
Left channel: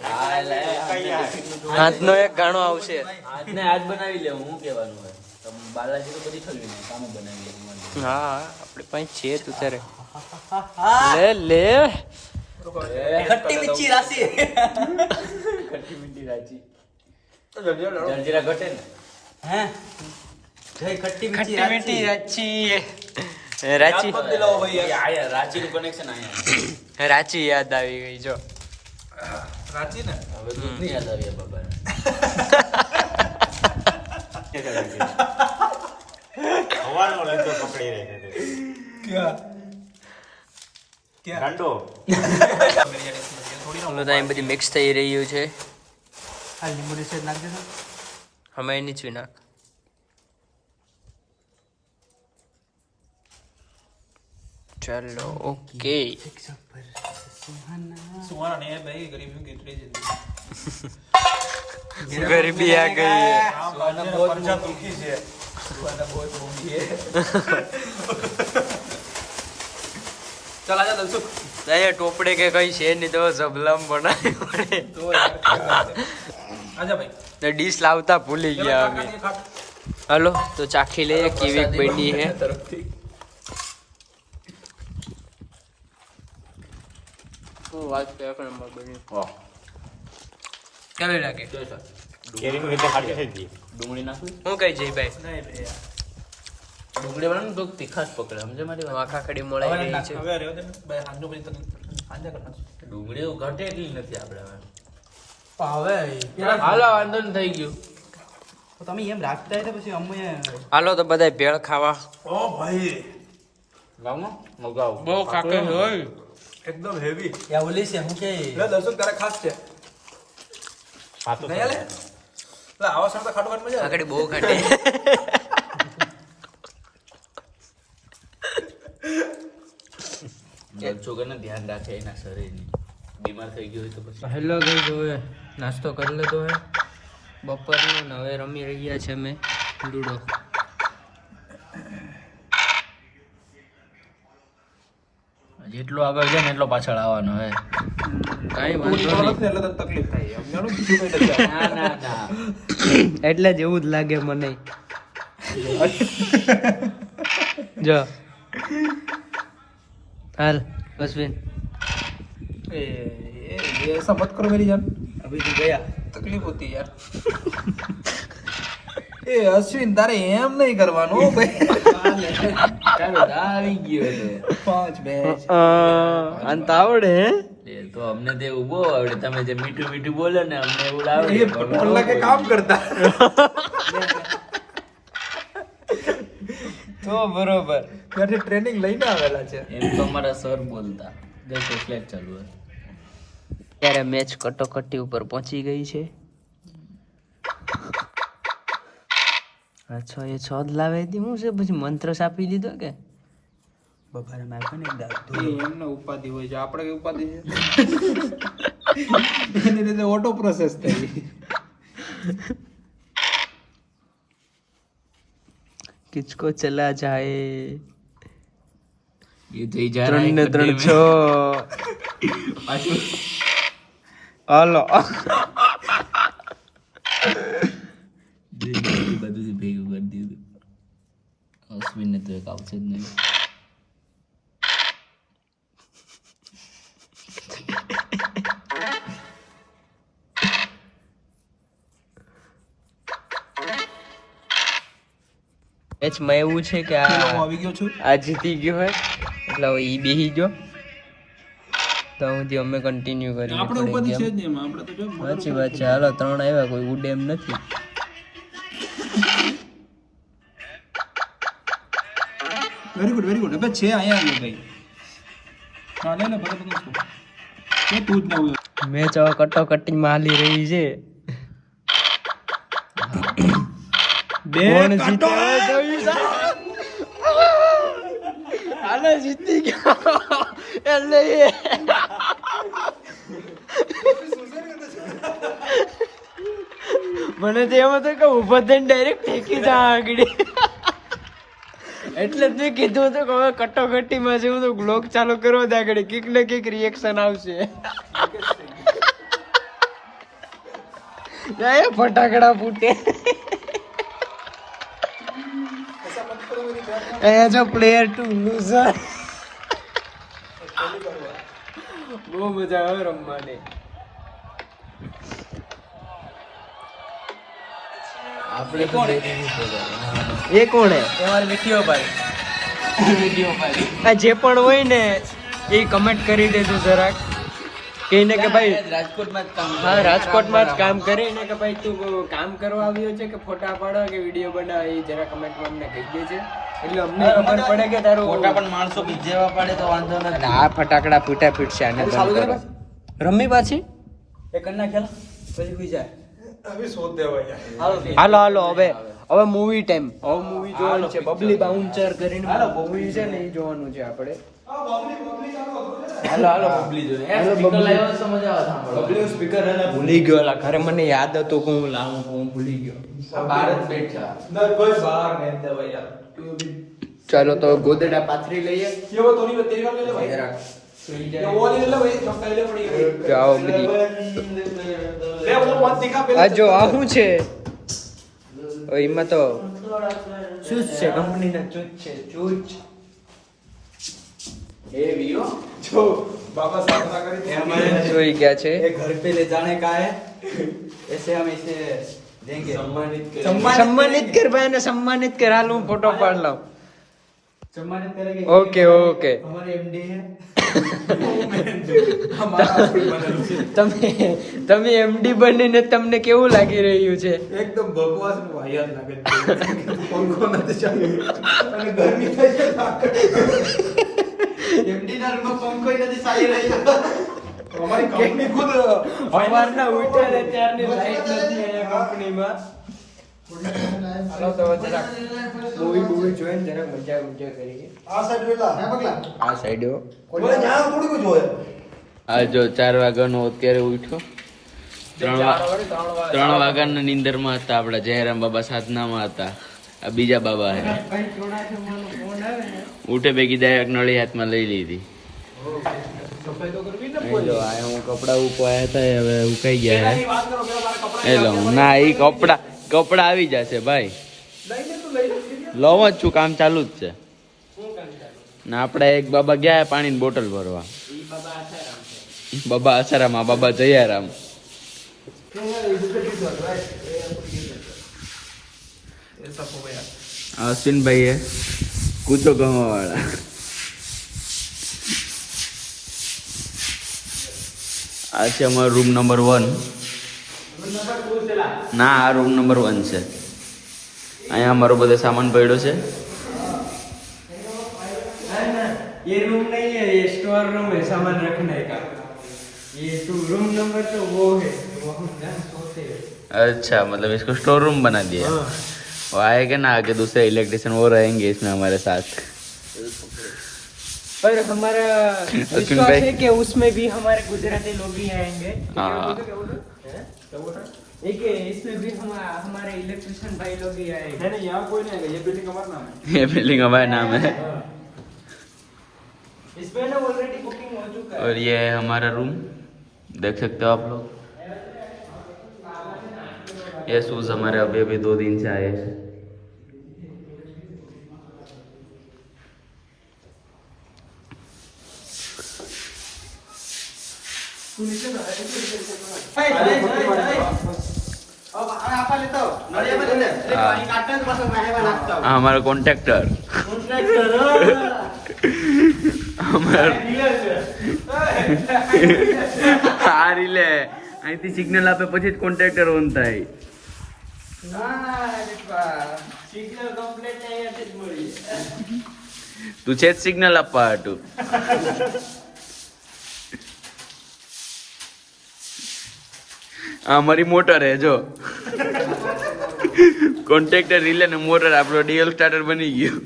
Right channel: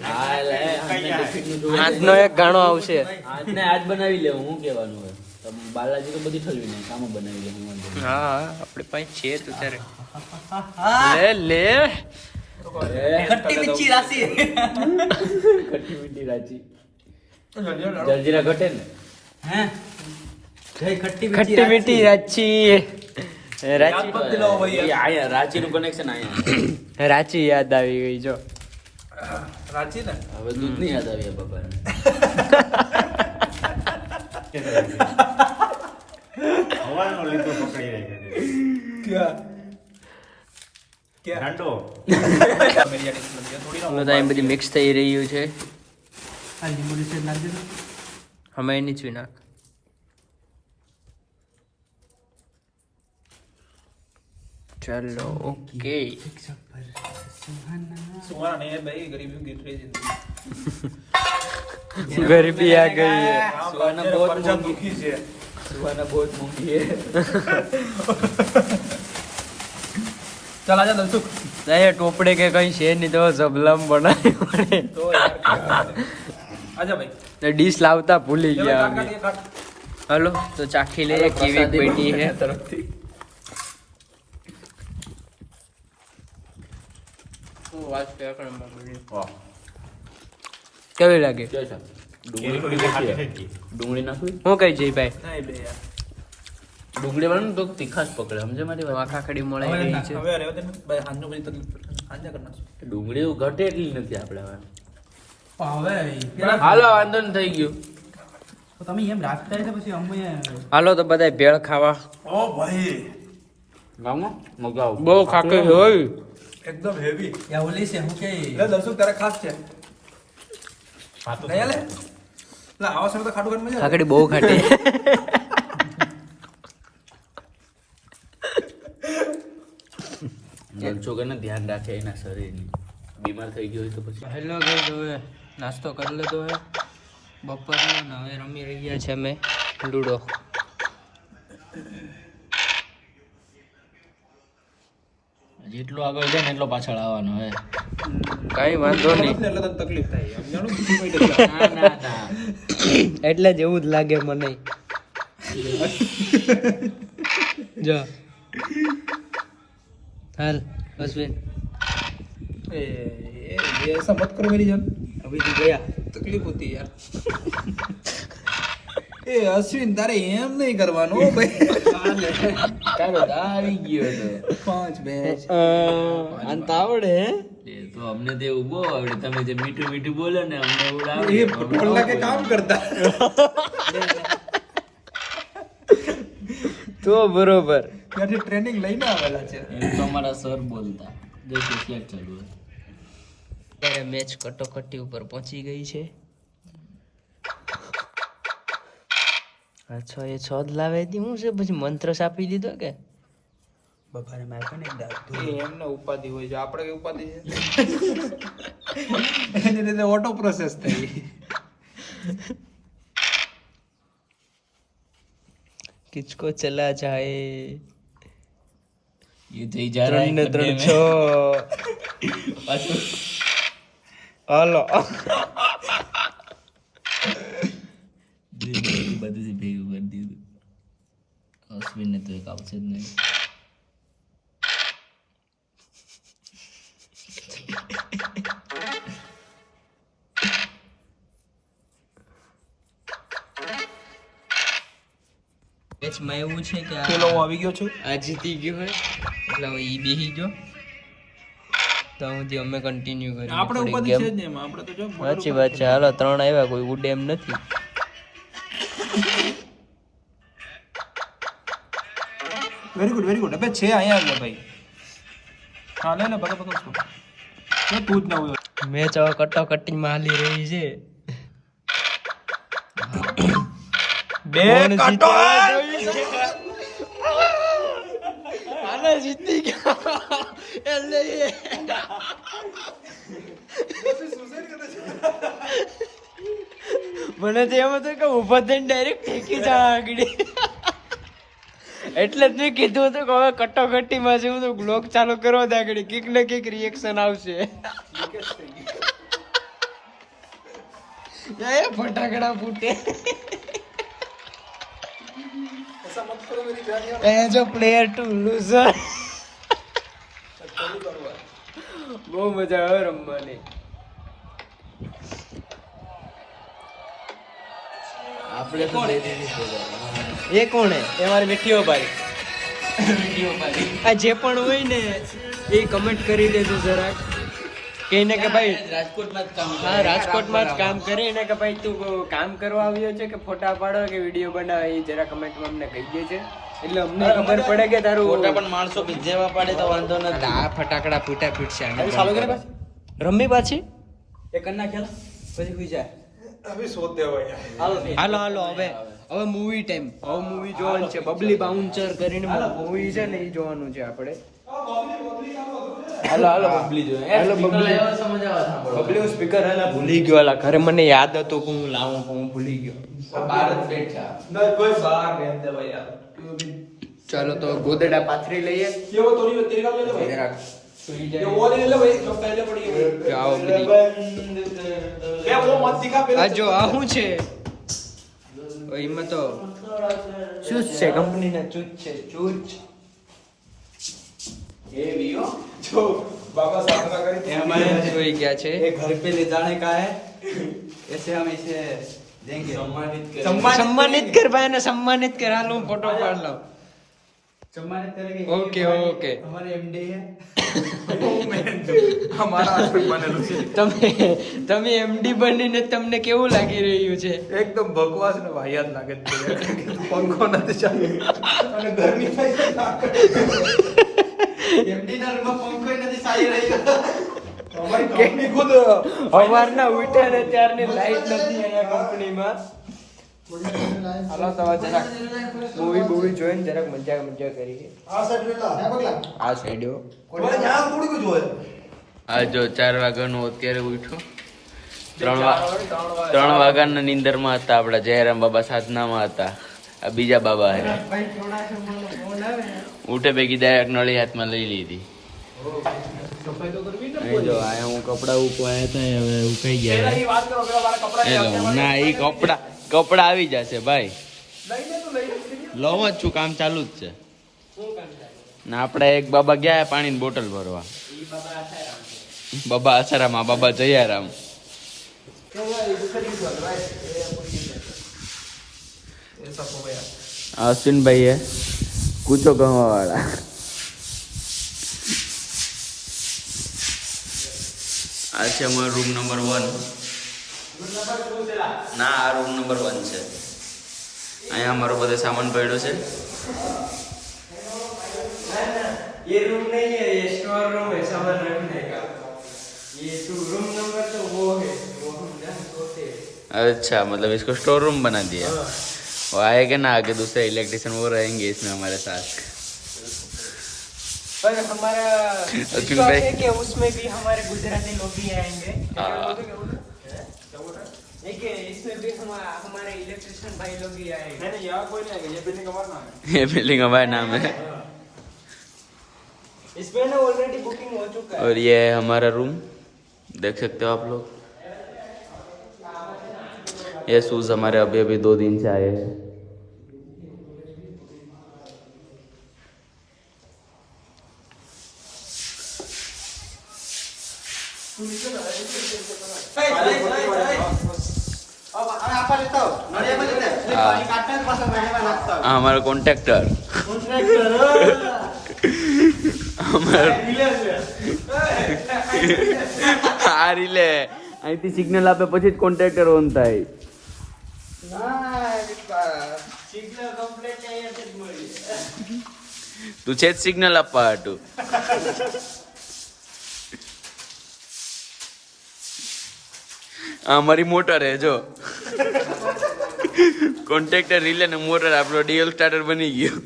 હાથનો એક ઘાણો આવશે. આજને આજ બનાવી લેવું. હું કહેવાનું હોય તો બાલાજી તો બધી ઠલવી નાખ. કામ બનાવી લે. હા હા આપણે પાસે છે તું તારે લે લે. खट्टी मिर्ची राशि ખટ્ટી મીઠી રાચી. જલજીરા ઘટે ને. हैं गई खट्टी खट्टी मीठी रांची रांची मत दिलाओ भाई यार आया रांची નું કનેક્શન આયા રાંची યાદ આવી ગઈ જો रांची ना હવે દૂધની યાદ આવી બાબા હવાનો લીધો પકડી રહી क्या क्या ગાંડો मेरी आंखें खुल गई थोड़ी ना તો અહીં બધી મિક્સ થઈ રહ્યું છે આ લીંબુની સેજ નાખજો ને અમે નીચું નાખ चलो ओके सुहाना नहीं है भाई गरीबी गिर रही जिंदगी गरीबी आ गई है सुहाना बहुत परजा दुखी है सुहाना बहुत दुखी है चल आजा दलसुख ये टोपड़े के कहीं છે નહીં તો ઝબલમ બનાવી પડે तो यार क्या करते? आजा भाई तो डिश लावता भूली चलो, गया काट, अभी काट, काट। हेलो तो चाखी ले कीवी बैठी है કેવી લાગે ડુંગળી નાખું હું કઈ જઈ ભાઈ नहीं बे यार ડુંગળી વાળું તો તીખાશ પકડે સમજે મારી તો આખા ખડી મોળાઈ રહી છે હવે રહેવા દે ને ભાઈ હાંજો પછી તકલીફ હાંજા કરના ડુંગળી એવું ઘટે એટલી નથી આપણે હવે હાલો વાંધો નહીં થઈ ગયું તમે એમ રાખતા હતા પછી અમે હાલો તો બધા ભેળ ખાવા ओ भाई ગામો મગાવ બહુ ખાકર હોય एकदम हेवी યા ઓલી છે હું કે ले दलसुख तेरा खास છે नहीं ले ला आवाज सुनता खाटू खाट मजा आ ખાકડી બહુ ખાટી છોકરાને ધ્યાન રાખે એના શરીરની બીમાર થઈ ગયો હોય તો પછી હેલો ભાઈ જો નાસ્તો કરી લીધો હે બપોરનો ને હવે રમી રહ્યા છે અમે લૂડો જેટલો આગળ જાય ને એટલો પાછળ આવવાનો હે કઈ વાંધો નહીં એટલે તો તકલીફ થાય એમ જાણો બીજું કઈ નથી ના ના ના એટલે જ એવું જ લાગે મને જો હાલ અશ્વિન ए ये ऐसा मत करो मेरी जान અભી તો ગયા तकलीफ होती है यार ए अश्विन तारे एम नहीं करवानो भाई તારો ગા આવી ગયો તો 5 બેચ અંત આવડે હે એ તો અમને તે ઉભો આવડે તમે જે મીઠું મીઠું બોલો ને અમને એવું આવડે ये पटोला के काम करता તો બરોબર ત્યાંથી ટ્રેનિંગ લઈને આવેલા છે એમ તો અમારા સર બોલતા દેખો ફ્લેટ ચાલુ હે ત્યારે મેચ કટોકટી ઉપર પહોંચી ગઈ છે અચ્છા એ છોદ લાવે હતી હું છે પછી મંત્ર સાપી દીધો કે બપારે નાખો ને દાંત એ એમને ઉપાધિ હોય છે આપણે કઈ ઉપાધિ છે એની રીતે ઓટો પ્રોસેસ થઈ કિચકો ચલા જાય એ થઈ જાય 3 ને 3 6 પાછું હાલો બધું ભેગું કરી દીધું અશ્વિનને તો એક આવશે જ નહીં મેચમાં એવું છે કે ચલો હું આ આવી ગયો છું આ જીતી ગયો હોય એટલે હવે ઈ બેહી ગયો તો હું અમે કન્ટિન્યુ કરીએ આપણે થોડી ઉપાધિ ગેમ છે જ નહીં એમાં. આપણે તો જો સાચી વાત છે હાલો 3 આવ્યા કોઈ ઉડે એમ નથી વેરી ગુડ હવે છે અહીંયા આવ્યો ભાઈ હા લે ભલે બધું તું જ ન હોય મેચ હવે કટોકટીમાં હાલી રહી છે કોણ જીતે હવે જોઈશું. હાલો જીતી ગયો એટલે એ મને તો એમ હતું કે ઉભો થઈને ડાયરેક્ટ ઠેકી જા આગળ એટલે જ મેં કીધું હતું કે હવે કટોકટીમાં છે હું તો બ્લોગ ચાલુ કરો દે આગળ કીક ને કીક રિએક્શન આવશે એ ફટાકડા ફૂટે as a player to loser બહુ મજા આવે રમવાની આ આપણે તો એ કોણ હે તમારે વિડીયો ભાઈ આ જે પણ હોય ને એ કમેન્ટ કરી દેજો જરાક કહીને કે ભાઈ રાજકોટમાં જ કામ હા રાજકોટમાં જ કામ કરે ને કે ભાઈ તું કામ કરવા આવ્યો છે કે ફોટા પાડો કે વિડીયો બનાવે એ જરા કમેન્ટમાં અમને કહી દેજે એટલે અમને ખબર પડે કે તારું ફોટા પણ માણસો જેવા પાડે તો વાંધો નથી. અને આ ફટાકડા ફૂટા ફૂટશે આને બંધ કરો. રમી પાછી એ કન્ના ખેલા પછી સુઈ જાય હાલો હાલો હવે મૂવી ટાઈમ હવે મૂવી જોવાનું છે બબલી બાઉન્સર કરીને મૂવી છે ને એ જોવાનું છે આપણે બબલી સ્પીકર હે ને ભૂલી ગયો અલા ઘરે મને યાદ હતું કે હું લાવું પણ હું ભૂલી ગયો ચાલો તો ગોદડા પાથરી લઈએ જરાક સુઈ જાય આવો બધી આ જો આ શું છે એમાં તો ચૂચ છે કંપનીના ચૂચ છે ચૂચ જોઈ ગયા છે घर पे ले जाने का है ऐसे हम इसे देंगे सम्मानित कर भाई ने सम्मानित कर हाल હું ફોટો પાડ લઉં सम्मानित करेंगे ओके ओके हमारे एमडी है તમે એમડી બનીને તમને કેવું લાગી રહ્યું છે એકદમ બકવાસ ને વાહિયાત લાગે છે. પંખો નથી ચાલુ અને ગરમી થઈ છે एमडी ना रूम में पंखो ही नहीं चाली रही અમારી કંપની ખુદ અમારના ઉઠ્યા ને ત્યારની લાઈટ નથી અહીંયા કંપનીમાં હાલો તો જરાક મૂવી જોઈને જરાક મજા કરી આ સાઈડ વેલા હે બગલા આ સાઈડો કોઈ નામ થોડી કોઈ જોયે આ જો 4 વાગ્યાનો અત્યારે ઉઠ્યો 3 વાગ્યાના નીંદરમાં હતા આપણા જયરામ બાબા સાધનામાં હતા આ બીજા બાબા હે ઉઠે ભેગી ડાયરેક્ટ નળી હાથમાં લઈ લીધી અહીં જો આ હું કપડા ઉકવાયા હતા એ હવે ઉકાઈ ગયા હે એ લો ના એ કપડા આવી જશે ભાઈ લઉં જ છું કામ ચાલુ જ છે ના આપણે એક બાબા ગયા પાણીની બોટલ ભરવા બાબા આસારામ બાબા જયારામ અશ્વિનભાઈ હે કૂચો ગવા વાળા આ છે અમારો રૂમ નંબર 1 ના આ રૂમ નંબર 1 છે અહીંયા અમારો બધો સામાન પડ્યો છે ये रूम नहीं है ये स्टोर रूम है सामान रखने का ये तो रूम नंबर तो वो है वो हम जहाँ सोते हैं अच्छा मतलब इसको स्टोर रूम बना दिया वो आएगा ना आगे दूसरे इलेक्ट्रिशियन वो रहेंगे इसमें हमारे साथ पर हमारा अश्विन भाई है कि उसमें भी हमारे गुजराती लोग ही रहेंगे हाँ एक इसमें भी हमारे इलेक्ट्रिशियन भाई लोग ही आएंगे नहीं यहाँ कोई नहीं है ये बिल्डिंग हमारा नाम है ये बिल्डिंग हमारा नाम है इसमें ना ऑलरेडी बुकिंग हो चुका है और ये है हमारा रूम देख सकते हो आप लोग ये शूज हमारे अभी अभी 2 दिन से आए हैं हाँ हमारा कॉन्ट्रैक्टर આ રીલે અહીંથી સિગ્નલ આપે પછી જ કોન્ટ્રાક્ટર ઓન થાય સિગ્નલ કમ્પ્લીટ અહીંયાથી જ મળી તું છે જ સિગ્નલ આપવા હાટું આ અમારી મોટર હે જો કોન્ટ્રાક્ટર રીલે ને મોટર આપણો ડીએલ સ્ટાર્ટર બની ગયો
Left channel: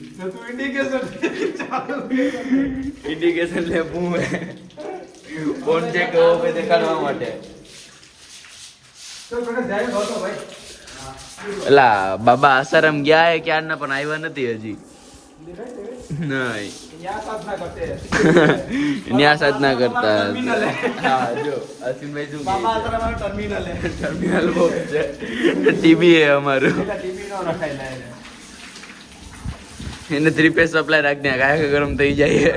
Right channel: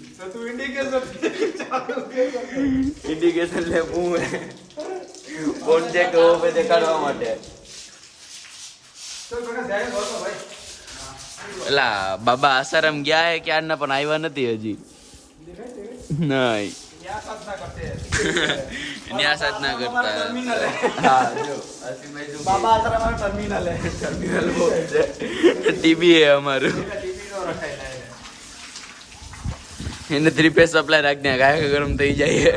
ઇન્ડિકેશન લે હું કોન્ટેક્ટ ઓપે દેખાડવા માટે એલા બાબા આસારામ ગયા હે ક્યારના પણ આવ્યા નથી હજી નહીં ન્યા સાધના કરતા હા જો અશ્વિનભાઈ શું બાબા આસારામ ટર્મિનલ હે ટર્મિનલ બોક્સ છે ટીવી હે અમારું એને 3 ફેસ સપ્લાય રાખ દે કાયા ગરમ થઈ જાય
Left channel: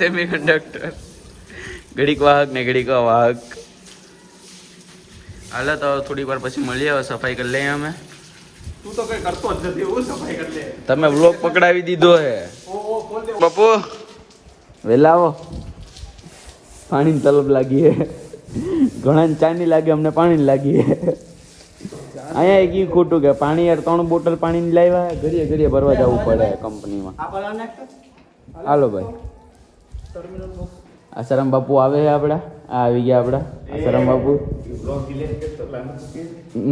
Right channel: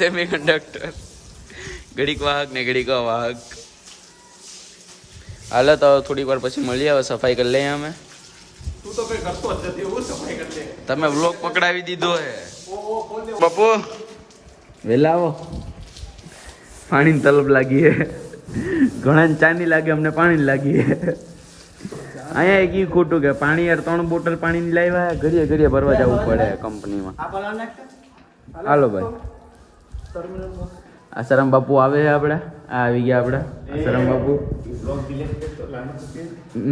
સેમી કંડક્ટર ઘડીક વાહક ને ઘડીક વાહક હાલો તો થોડીક વાર પછી મળીએ, હવે સફાઈ કરી લઈએ અમે. તું તો કઈ કરતો જ નથી, હું સફાઈ કરી લે. તમે બ્લોક પકડાવી દીધો હે. બાપુ વેલા આવો, પાણીની તલબ લાગી હે. ઘણા ચાની લાગે, અમને પાણી લાગી હે. અહીંયા એક ઈ ખોટું કે પાણી યાર 3 બોટલ પાણી લાવ્યા, ઘડીએ ઘડીએ ભરવા જવું પડે કંપનીમાં. હાલો ભાઈ, આસારામ બાપુ આવે છે આપડા, આવી ગયા આપડા આસારામ બાપુ.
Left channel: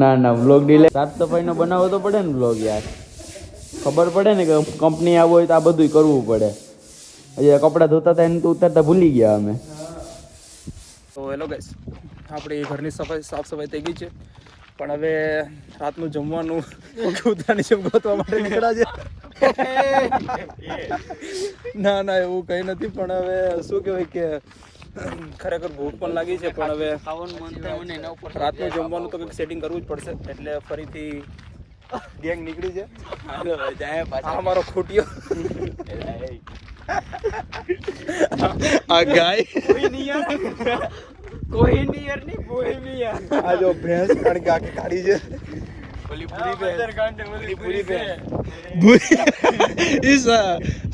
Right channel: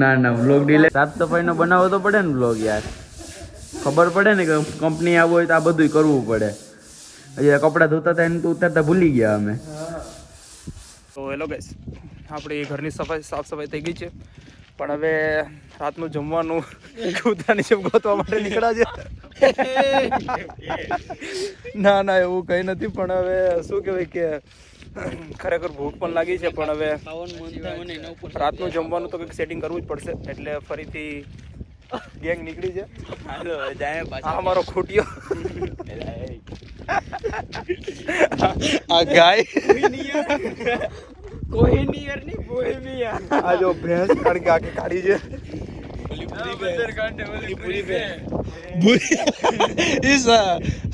ના વ્લોગ ડિલે, સાફ સફાઈ નો બનાવવો તો પડે ને વ્લોગ યાર. ખબર પડે ને કે કંપની આવું હોય તો આ બધું કરવું પડે. હજી કપડા ધોતા હતા એને તો ઉતારતા ભૂલી ગયા અમે. તો હેલો ગાઈસ, આપણી ઘરની સાફ સફાઈ થઈ ગઈ છે, પણ હવે રાતનું જમવાનું કૂતરાની જેમ ગોતવા માટે નીકળ્યા છે. ના એવું કઈ નથી, પણ હવે શું કહેવાય કે ખરેખર ભૂખ પણ લાગી છે, પણ હવે રાતનું જમવાનું તો કંઈક સેટિંગ કરવું જ પડશે. એટલે ફરીથી ગેંગ નીકળી છે. આ મારો ખૂટ્યો, આ ગાય કોઈ નિયર નહીં, કોઈ નિયર. આ જો ભેંસ, કારણ કે આખી કાઢી છે.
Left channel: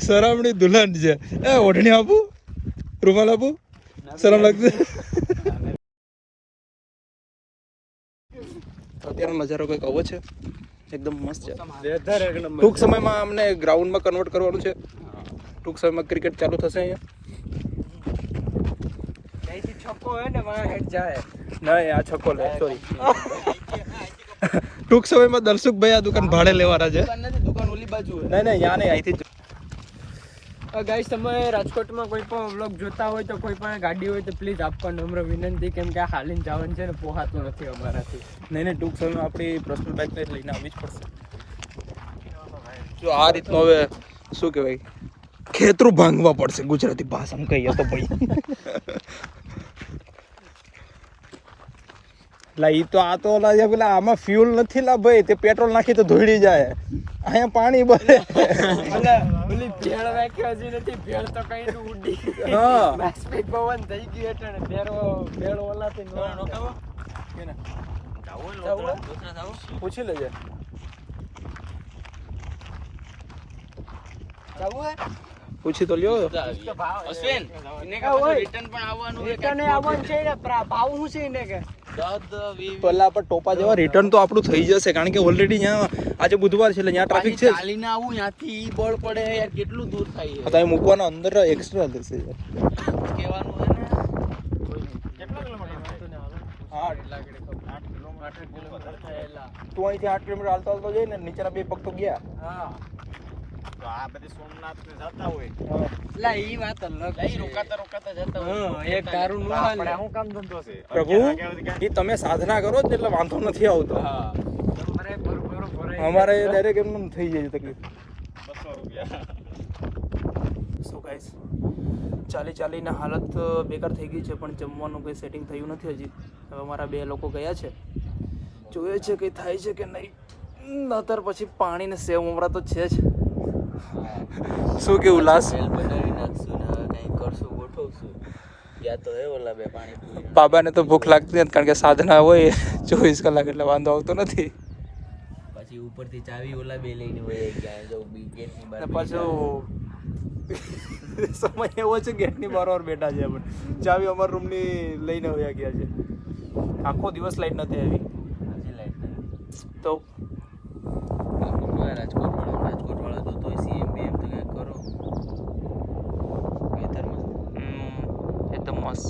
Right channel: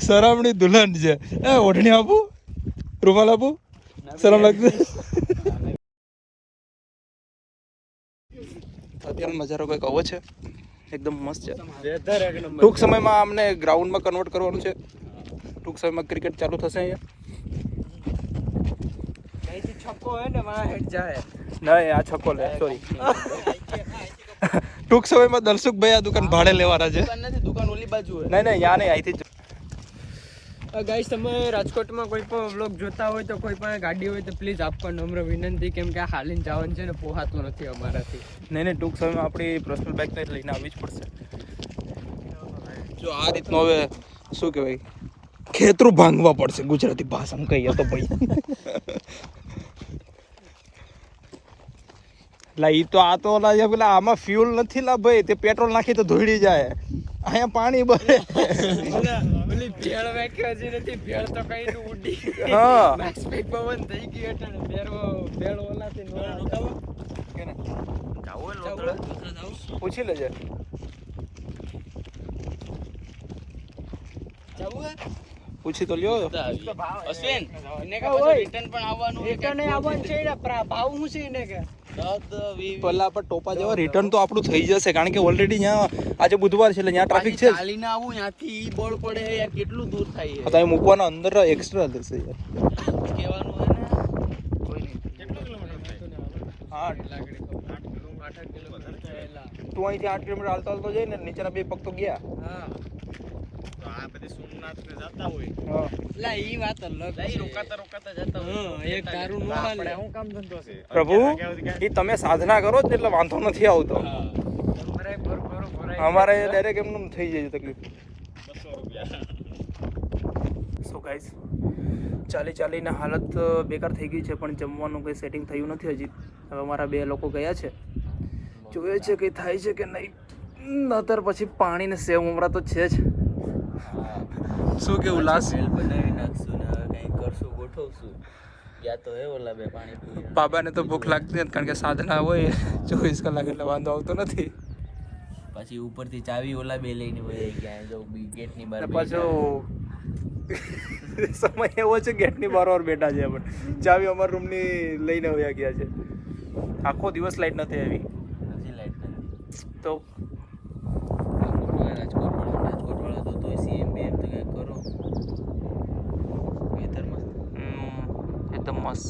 સરામણી દુલ્હન છે. એ ઓઢણી આપું, રૂમાલ આપું, શરમ લાગશે. અત્યારનો નજારો કંઈક આવો છે, એકદમ મસ્ત છે. ટૂંક સમયમાં અમને ગ્રાઉન્ડમાં કન્વર્ટ કરવાનું છે. ટૂંક સમયમાં ક્રિકેટ ચાલુ થશે અહીંયા. છક્કો હે ને વહાં હેડ જાય. નહીં, આ છક્કો લે, સોરી. ટૂંક સમયમાં દર્શકભાઈ આ દુકાન ભાડે લેવાના છે. દુકાન ઓલી બાજુ હે. નહીં યા નહીં, અહીંથી જ. ગાઈસ, તમે રાજકોટમાં કોઈ પણ વ્લોગ જોતા હોય તો કોઈ પણ ગાડી હોય તો પ્લીઝ આપવા નમ્ર વિનંતી, કેમ કે આ હાલીને જવાનું છે ને પોહાતું નથી અમારાથી. નહીં ટૂંક સમયમાં આપણી પર્સનલ બાઇક લઈને આવવી જ પડશે. જો આ રીતનો હવે શું કહેવાય, ખેતરું ભાંગવા પડશે ગુજરાતી ભાષામાં કહીએ તો ભાઈ. આ તો પેલા આમાં ફ્યુલ નથી લા ભાઈ, તે પેટ્રોલ નાખી તો ધોઈડી જાય. અહીંયા પાણી ભરે. ઓલી ભેળ વાક્યો હજી નથી, ભેળ તો કઈ ઉડી. હા, બાષ્પીક પવન થઈ ગઈ એટલે ને ભેળ ઓલાથી પૂછી લેજે. પૂછી તો લ્યો. અશ્વિન રિટર્ન પણ આવવાનું છે ને, ભાવ શું છે એને કે પેલા પર ટોપા જેવા રિટર્ન તો આપણું થઈ જશે, કારણ કે ઓલરેડી ત્યાં આજે બુધવાર છે એટલે ત્યાં ટ્રાફિક છે. ચાલીને આવું ત્યાંથી ઈ બળ પડે યાર, કેટલું દૂર થાય છે. તમે મૂકવાના અંદર એક્સ્ટ્રા લેશે યાર. કહેવાનું હે ને. તું અહીંથી 8 કિલોમીટર હાલતો જઈને નીચેના 2 પગ તો ગયા. ઈ વાત અલગ છે. રોકાતા જતા એક તારું નો હાલે. પ્રભુ, એ તમે સાધના કરો એટલે વાંધો નથી આવતો. અમારે ડાયરેક્ટ એમનું થઈ જાય તકલીફ. સો ગાઈસ, ચાલીને હાલત બેકાર થઈ ગઈ છે, પણ જમવાનું કંઈ સેટિંગ થયું નથી હજી. હવે અમારા 2 લોકો ગયા છે, જોઈએ છે કંઈ થાય છે કે નહીં. નતર પછી પાણી ને સેવ ઉમરા તો છે જ. શું કેવું લાસ? બનાવી નાખશું ને હવે કંઈ કરશું, ગોઠવશું. યા તો હે ઓલા 2 પાણી. બાબાને તો ભૂખ લાગતી નથી, કારણ કે સાધના હોય 24 કલાક, એટલે વાંધો આવતો નથી. પછી ઉપરથી ચાવી ઓલા 2 લઈને વહી ગયા, જો ગેટની બહાર. પાછો સમય એવો છે, ગેટની બહાર બેઠા છે, પણ ચાવી અમારા રૂમની લઈને વયા ગયા છે. આખો દિવસ લાઈટ નથી આવી તો એકદમ મસ્ત.